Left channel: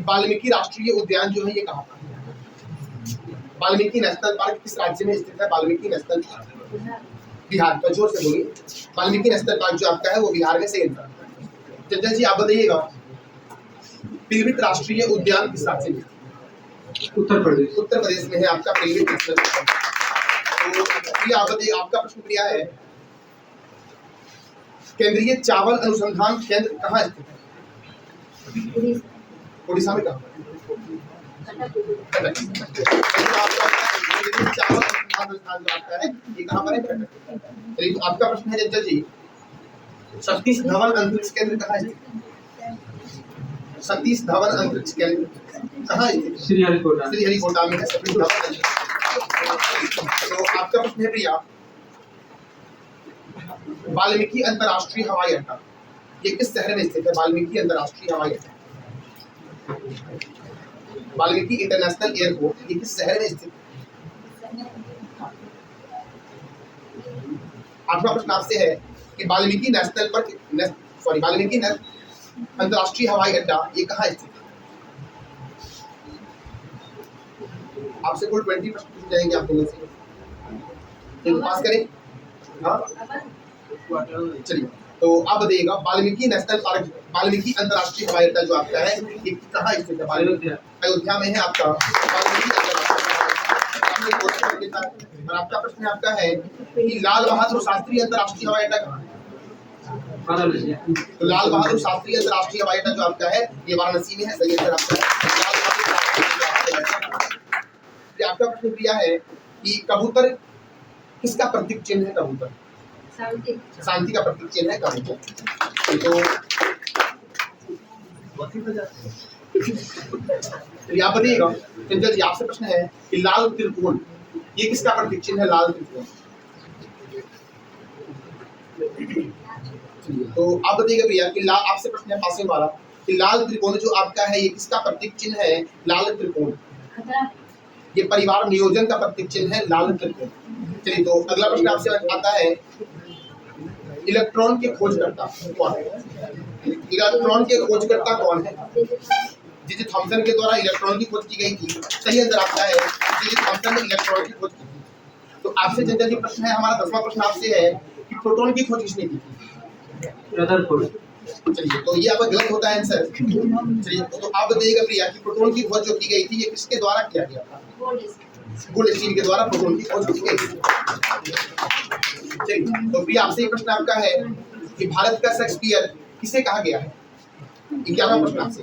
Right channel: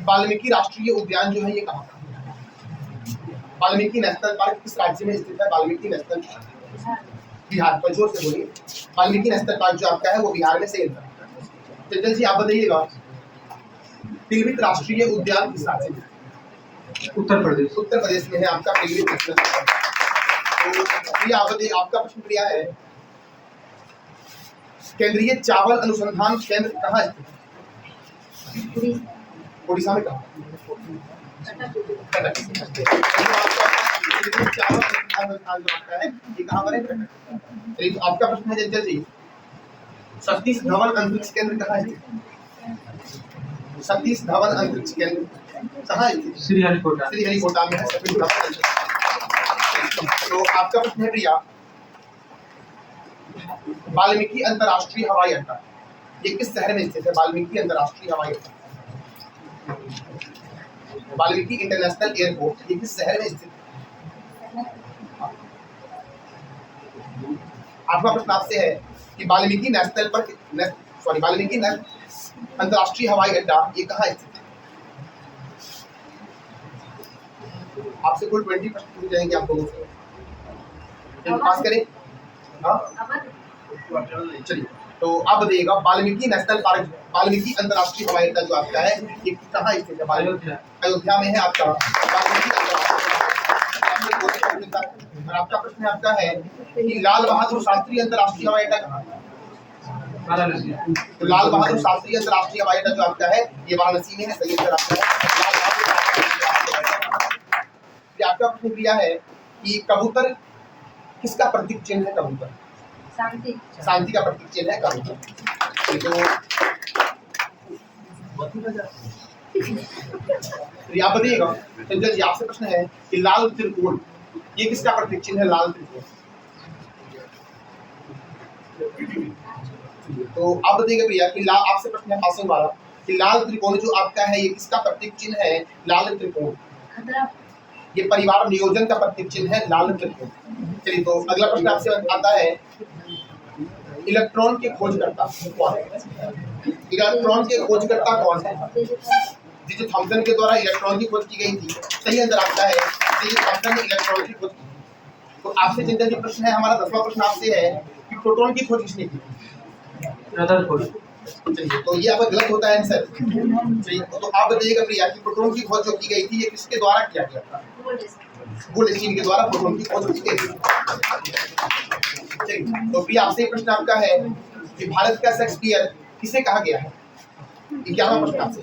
कि वाल्मीकि राष्ट्रीय उद्यान जो है ये कहाँ पर है? वाल्मीकि नेशनल पार्क किस राज्य में स्थित है? वाल्मीकि नेशनल पार्क बिहार पर, जोर से बोलिए। वाल्मीकि नेशनल पार्क जो आपका है वो बिहार में सही आंसर। चंचल जी आप बताइएगा, पीलीभीत राष्ट्रीय उद्यान किस राज्य में? उत्तर प्रदेश। उत्तर प्रदेश में है आपका पीलीभीत नेशनल पार्क। तो आप बताइए, आपका प्रश्न प्रिया है, केंद्रीय चावल अनुसंधान केंद्र कहाँ स्थित है? उड़ीसा में कहाँ? चावल अनुसंधान जो आपका है ये कहाँ पर है? तो आपका प्रश्न है चंचल जी, सतीश धवन अंतरिक्ष केंद्र कहाँ स्थित? सतीश धवन अंतरिक्ष केंद्र कहाँ स्थित? श्रीहरिकोटा। श्रीहरिकोटा में है सतीश धवन अंतरिक्ष। तो आपका प्रश्न है प्रिया, वाल्मीकि अंतरराष्ट्रीय हवाई अड्डा ये किस शहर में स्थित है? वाल्मीकि अंतरराष्ट्रीय हवाई अड्डा, वाल्मीकि इंटरनेशनल एयरपोर्ट ये किस शहर में स्थित है? आठवां प्रश्न आपसे है कि वाल्मीकि वाल्मीकि अंतरराष्ट्रीय हवाई अड्डा ये कहाँ स्थित है? आपसे कुल 20 प्रश्न पूछे जाएंगे आप दोनों से, पास करें। हाँ चलिए, तो आप बताइएगा, वाल्मीकि नेशनल पार्क, वाल्मीकि अंतरराष्ट्रीय हवाई अड्डा जो आपका है ये कहाँ स्थित है? अयोध्या में है आपका वाल्मीकि अंतरराष्ट्रीय। और आपका प्रश्न आपका है कि लाल बहादुर शास्त्री अंतरराष्ट्रीय हवाई अड्डा कहाँ है? तो लाल बहादुर शास्त्री अंतरराष्ट्रीय हवाई अड्डा जो आपका है ये वाराणसी में है, सही आंसर आपका है लाल बहादुर। आपका प्रश्न प्रिया है कि कबूतर किसका प्रतीक चिन्ह है? कबूतर शांति का प्रतीक चिन्ह है कबूतर। तो आप बताइएगा चंचल जी, आपसे प्रश्न है कि लाल त्रिकोण ये किसका प्रतीक चिन्ह है? लाल त्रिकोण। तो आप बताइएगा भैया कि आपसे प्रश्न है पासिंग वाला कि लाल त्रिकोण जो आपका है ये किसका प्रतीक चिन्ह है? लाल त्रिकोण ये परिवार नियोजन का प्रतीक चिन्ह है, लाल त्रिकोण। चलिए, तो अगला प्रश्न आपसे आता है, इलेक्ट्रॉन के खोजकर्ता कौन है? इलेक्ट्रॉन के खोजकर्ता कौन है? जे थॉमसन के द्वारा इलेक्ट्रॉन की खोज की गई थी, सही आंसर आपका है जे थॉमसन ने इलेक्ट्रॉन की खोज की थी। तो आपसे चंचल जी प्रश्न है, हमारा 10वां प्रश्न आपसे है कि प्रोटॉन की खोज किसने की थी? चलिए, तो ये आपका गलत होता है आंसर। चलिए, तो आप बताइएगा प्रिया कि प्रोटॉन की खोज जो की गई थी ये किसके द्वारा किया गया था? गोल्डस्टीन के द्वारा प्रोटॉन की खोज की गई थी। चलिए, तो प्रिया आपसे प्रश्न आपका है कि भारत का शेक्सपियर किसे कहा गया है? 11वां प्रश्न आपसे,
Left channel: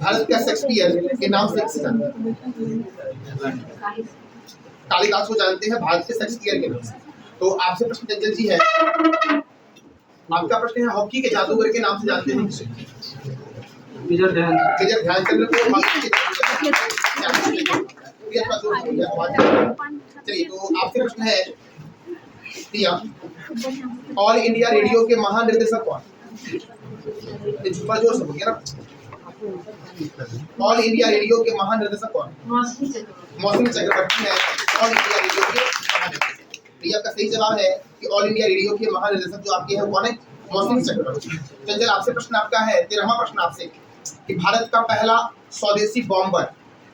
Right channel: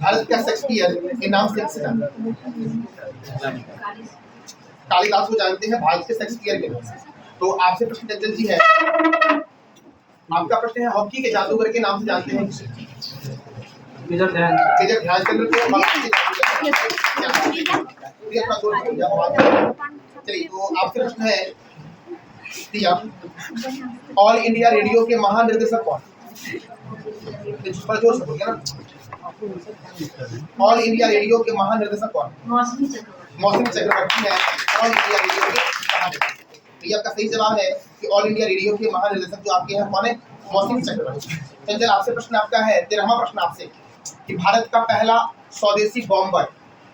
भारत का शेक्सपियर के नाम से किसे जानते हैं? कालिदास को जानते हैं भारत के शेक्सपियर के नाम से। तो आपसे प्रश्न चंचल जी है, आपका प्रश्न है हॉकी के जादूगर के नाम से जानते हैं किसे? मेजर ध्यानचंद को। चलिए, तो आपसे प्रश्न है प्रिया, ऑल इंडिया रेडियो के महानिर्देशक कौन? जोर से बोलिए ना। ऑल इंडिया रेडियो के महानिर्देशक कौन? मौसमी चक्रवर्ती है ऑल इंडिया रेडियो के महानिर्देशक। तो ये आपका सही जवाब है कि ऑल इंडिया रेडियो के महानिर्देशक जो आपके हैं कौन है? मौसमी चक्रवर्ती। चंचल आपसे प्रश्न आपका है 13वां प्रश्न आपसे कि भारत का पहला स्वदेशी बॉम्बर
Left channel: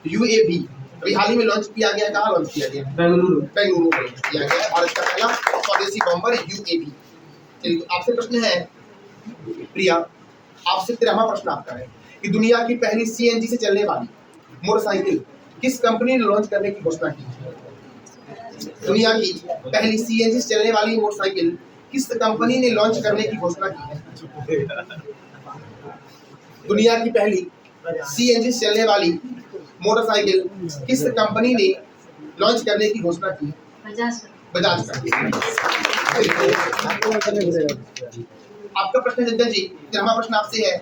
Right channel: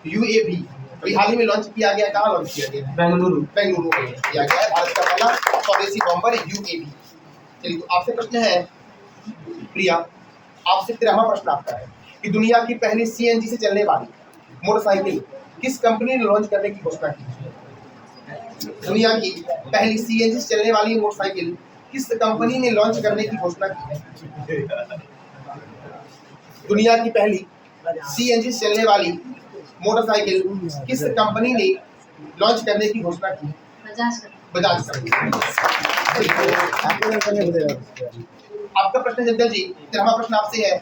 UAV अभी हाल ही में लॉन्च किया गया, कहाँ लॉन्च किया गया? बेंगलुरु में किया गया है भारत का पहला स्वदेशी बॉम्बर UAV। चलिए, तो आपसे प्रश्न है प्रिया, आपसे 13वां प्रश्न आपका है कि दुनिया की पहली CNG से चलने वाली मोटरसाइकिल किस कंपनी ने लॉन्च करने की घोषणा की? दुनिया की पहली CNG से चलने वाली मोटरसाइकिल किस कंपनी ने लॉन्च करने की घोषणा की है? दुनिया की पहली CNG से चलने वाली मोटरसाइकिल किस कंपनी ने लॉन्च करने की घोषणा की है? बजाज कंपनी। आपका प्रश्न चंचल जी 13वां प्रश्न आपसे है,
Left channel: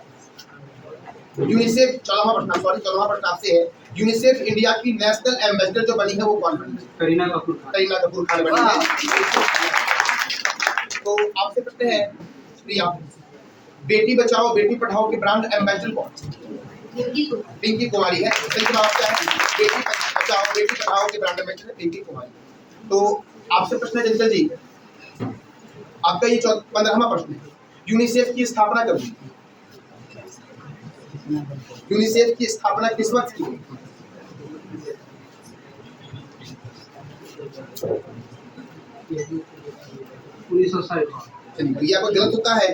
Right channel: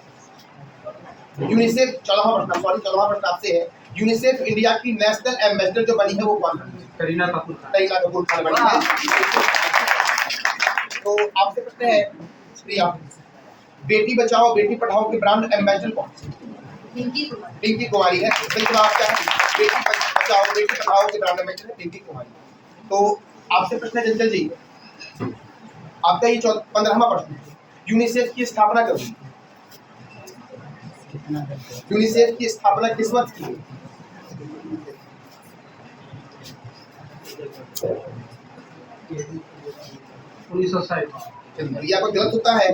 यूनिसेफ 14वां प्रश्न आपसे है, यूनिसेफ इंडिया की नेशनल एम्बेसडर जो बनी है वो कौन बनी है? करीना कपूर खान बनी है। तो आपसे प्रश्न है प्रिया, बेटी बचाओ बेटी पढ़ाओ के ब्रांड एम्बेसडर कौन? पिंकी कुमारी है। सही जवाब आपका है, बेटी बचाओ बेटी पढ़ाओ के ब्रांड एम्बेसडर है पिंकी कुमारी। तो आपसे प्रश्न है चंचल जी, आपका ये 15वां प्रश्न है, यूनिसेफ की स्थापना कब हुई? यूनिसेफ की स्थापना किस वर्ष की गई? 1960। चलिए, तो ये आपका गलत होता है,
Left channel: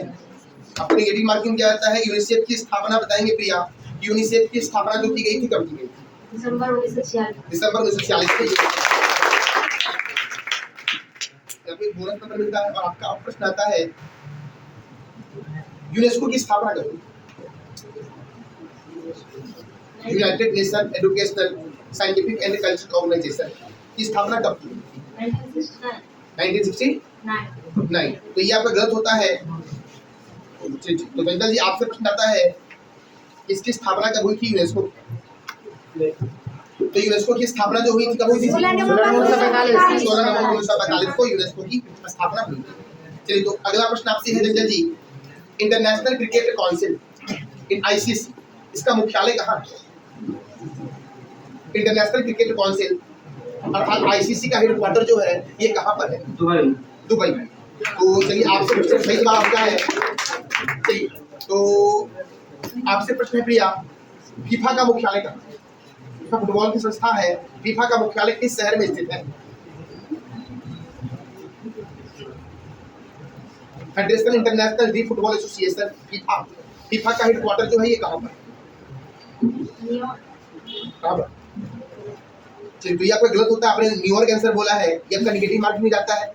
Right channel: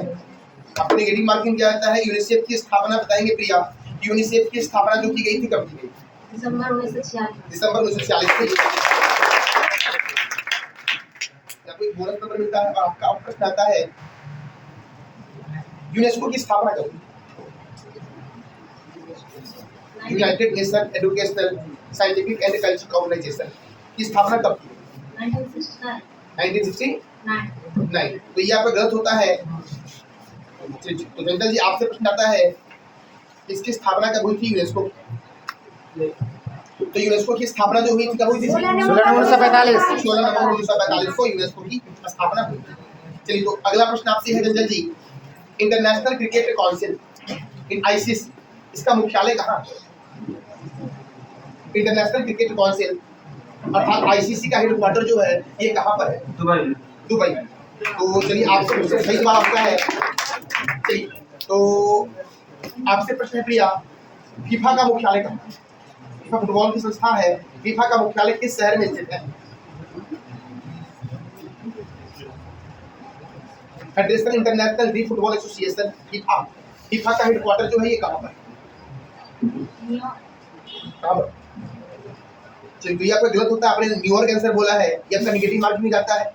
आपको नेगेटिव मार्किंग किया जाता है। यूनिसेफ की स्थापना बताएंगे प्रिया, यूनिसेफ की स्थापना जो की गई थी कब की गई? दिसंबर 1946। दिसंबर 1946 को। आपको एक बोनस नंबर मिलता है और आपका अब प्रश्न आता है यूनेस्को की स्थापना कब हुई? United Nation Educational Scientific and Cultural Organization की स्थापना कब की? 1969। तो ये आपका गलत होता है। तो चंचल जी आपसे प्रश्न आता है इसकी स्थापना कब हुई थी यूनेस्को? तो यूनेस्को की स्थापना जो हुई थी कब हुई थी? 16 नवंबर 1945 को यूनेस्को की स्थापना हुई थी। चलिए, तो अगला प्रश्न आपसे है Chanchal ji, international cricket council in ICC इसका मुख्यालय कहाँ है? इंटरनेशनल क्रिकेट काउंसिल अर्थात आईसीसी का हेडक्वार्टर जो है ये कहाँ पर है? दुबई में। तो चलिए आपसे प्रश्न, सही जवाब आपका है। चलिए, तो आपसे प्रश्न है प्रिया, फीफा का मुख्यालय कहाँ है? फीफा फुटबॉल की संस्था है, फीफा का मुख्यालय किस शहर में स्थित है? फेडरेशन इंटरनेशनल दी फुटबॉल एसोसिएशन फीफा, फीफा का हेडक्वार्टर जो है ये कहाँ पर है? कहाँ पर? चलिए, तो ये आपका गलत होता है, आपने न्यूयॉर्क आंसर बोला है, ये आपका नेगेटिव मार्क में जाता है।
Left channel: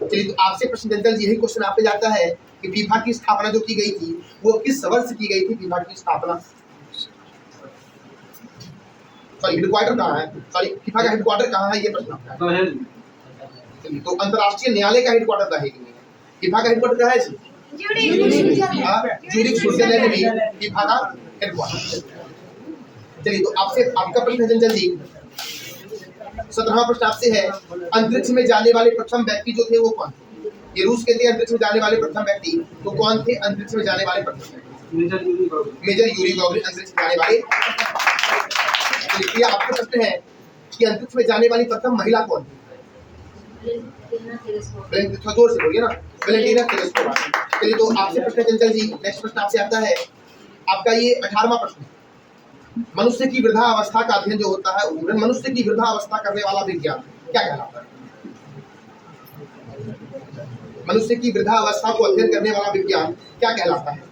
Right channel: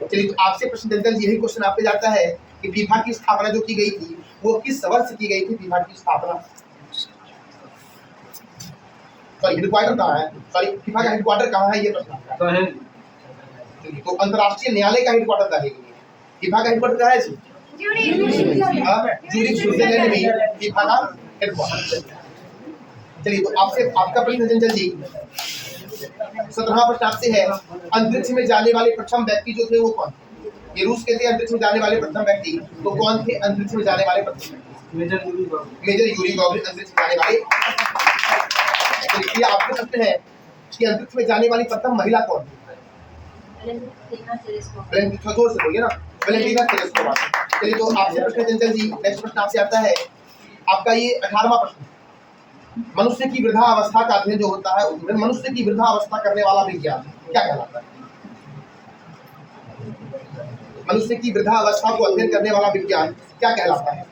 चलिए, तो आपसे प्रश्न चंचल यही क्वेश्चन आप पे जाता है कि फीफा की स्थापना जो की गई थी वो किस वर्ष की गई थी? फीफा की स्थापना, सॉरी हेडक्वार्टर कहाँ है? सॉरी फीफा का हेडक्वार्टर कहाँ है ये प्रश्न आपका है। चलिए, तो अंतरराष्ट्रीय न्यायालय का हेडक्वार्टर कहाँ है? फीफा का हेडक्वार्टर कहाँ है जी? ज्यूरिख स्विट्जरलैंड में फीफा का हेडक्वार्टर। चलिए, तो आपसे आपका प्रश्न चंचल जी 17वां प्रश्न आपसे है, अंतरिक्ष में जाने वाले प्रथम व्यक्ति जो थे वो कौन थे? ये रूस के थे अंतरिक्ष में जाने वाले प्रथम व्यक्ति, तो कौन थे अंतरिक्ष में जाने वाले प्रथम व्यक्ति? मेजर यूरी गॉगरिन अंतरिक्ष में जाने वाले। ये आपका प्रश्न है कि अंतरिक्ष में जाने वाली प्रथम महिला कौन थी? जोर से बोलिए ना, वैलेंटीना तेरेस्कोवा। चलिए, तो आपसे प्रश्न चंचल जी, नेक्स्ट प्रश्न आपसे आता है आपका ये 18वां प्रश्न, मनुष्य की वृद्धा अवस्था का अध्ययन जो होता है, मनुष्य की वृद्धा अवस्था करने वाला विज्ञान क्या कहलाता है? मनुष्य की वृद्धा अवस्था को अध्ययन करने वाला विज्ञान क्या कहलाता है?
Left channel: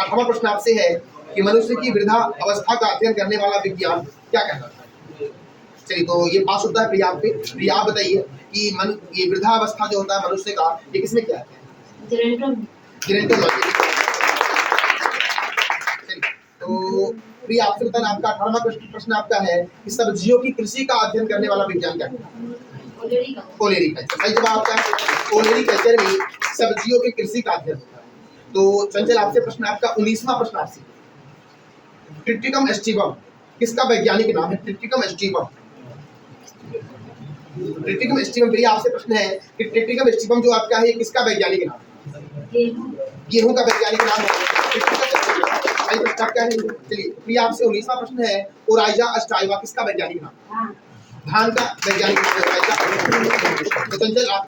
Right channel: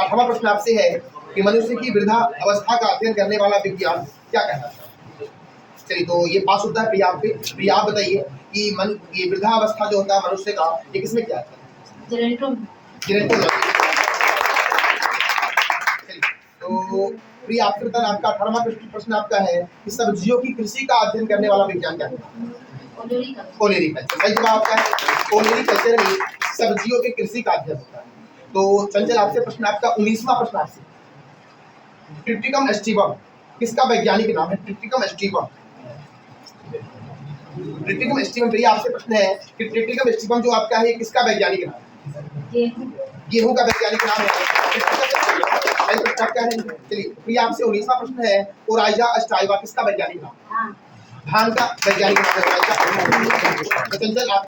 8वां प्रश्न आपसे है कि मनुष्य की वृद्धा अवस्था का अध्ययन करने वाला विज्ञान क्या कहलाता है? चलिए, तो ये पास होता है प्रिया आप पे। प्रिया आप बताइए कि ये वृद्धा अवस्था जो होता है मनुष्य का, ये किसमें क्या आता है? जेरेंटोलॉजी। तो प्रिया आपसे बताना, आपका 18वां प्रश्न आपका है कि सब्जियों की कृषि का अध्ययन करने वाला विज्ञान क्या कहलाता है? ओलेरीकल्चर। सही जवाब आपका है, ओलेरीकल्चर में सब्जियों की कृषि का अध्ययन होता है। तो चंचल आपसे प्रश्न आपका 19वां प्रश्न आपसे, ट्रिटिकम एस्टिवम किसका वैज्ञानिक नाम है? Triticum aestivum. ट्रिटिकम एस्टिवम भैया आपसे प्रश्न है कि ट्रिटिकम एस्टिवम जो आपका है किसका वैज्ञानिक नाम है? गेहूं का वैज्ञानिक नाम है आपका है। चलिए, भैया आपसे 19वां प्रश्न है, ओराइजा अस्टाइवा किसका वैज्ञानिक नाम है? धान का वैज्ञानिक नाम है। तो चंचल आप